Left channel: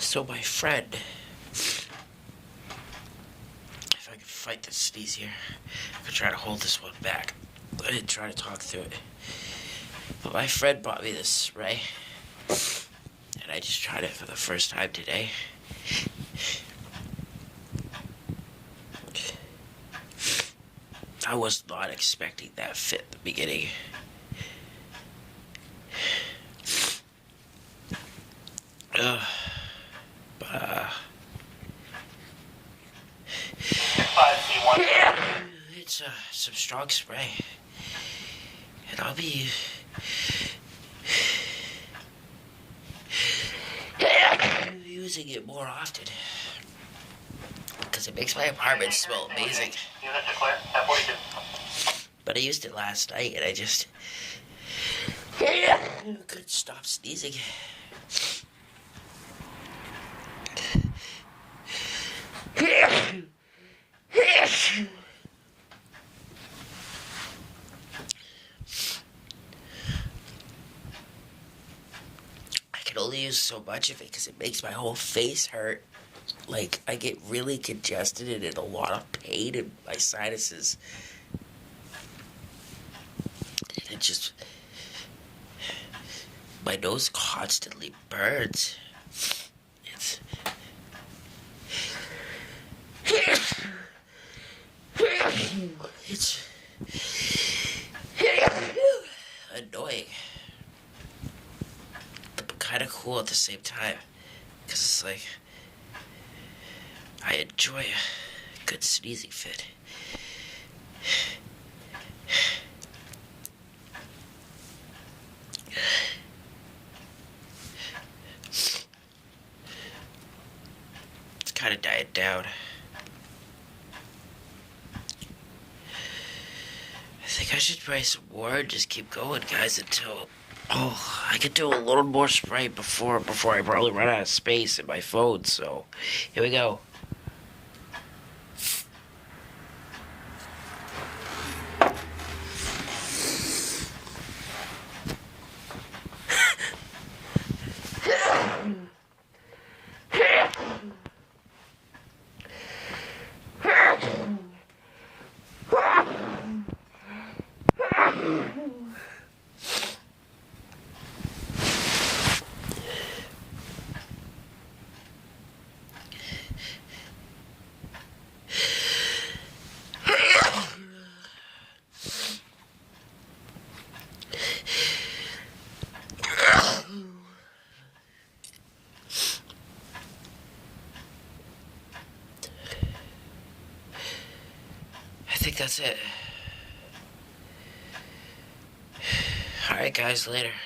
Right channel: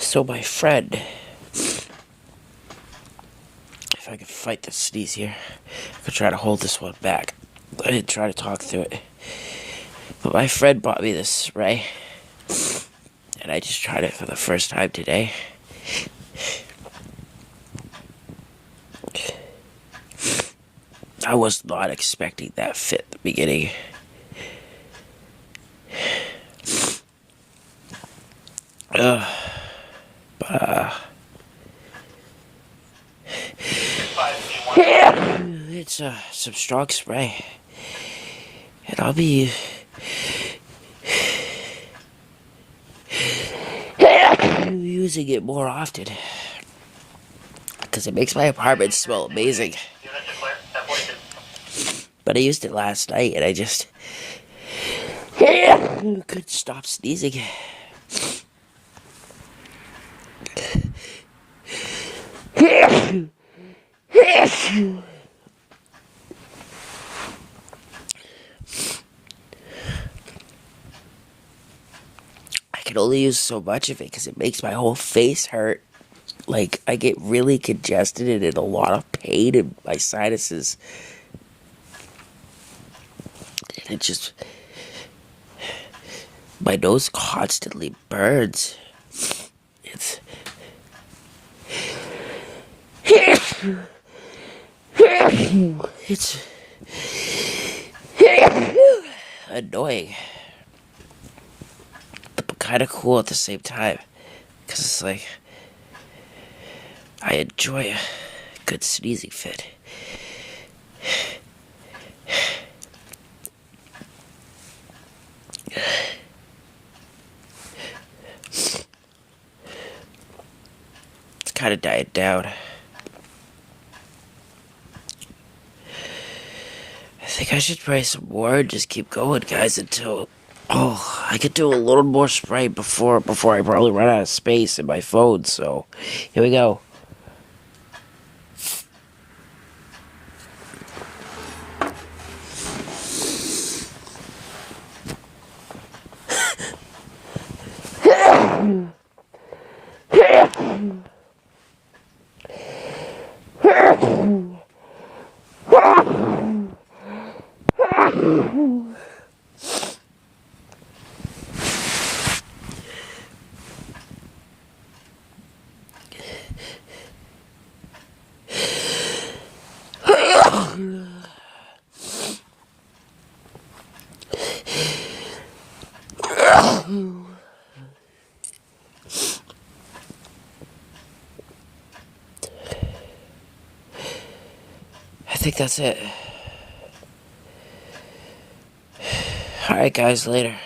So my friend, if I could fight the sneeze here, I could try to hold this one back. I didn't try to talk through it. But my friend bought me this spray, and I just tried it for the first time today. I was not expecting that fit at the beginning. It's some strong spray, and I'll be using it more often because it makes my apartment smell amazing. But I used it last night, and I just couldn't stop sneezing. I can only use so much of it because it makes my whole face hurt. Like, I get really congested and in a lot of pain in my sinuses. And it just... my nose constantly burns. It's... it's... annoying. But kind of cool at the same time. Because it's like... I enjoy a good sneezing fit. It's kind of died down. I think I should spray some more and just keep going, guys, until... oh, I could do a little more spray before I probably run out of space in my phone, so... here we go. I think that's it. Alright, guys, later.